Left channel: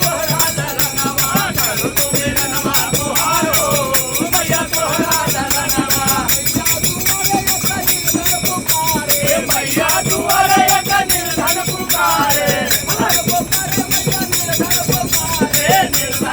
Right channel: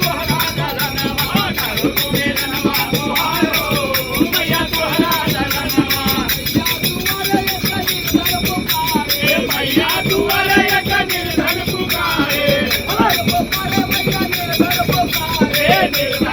तोहरा दलनवा करू तू मिलनवा तुहारो मैया तोहरा दलनवा मैया दुआरे एक निर्धन पुकारे निर्धन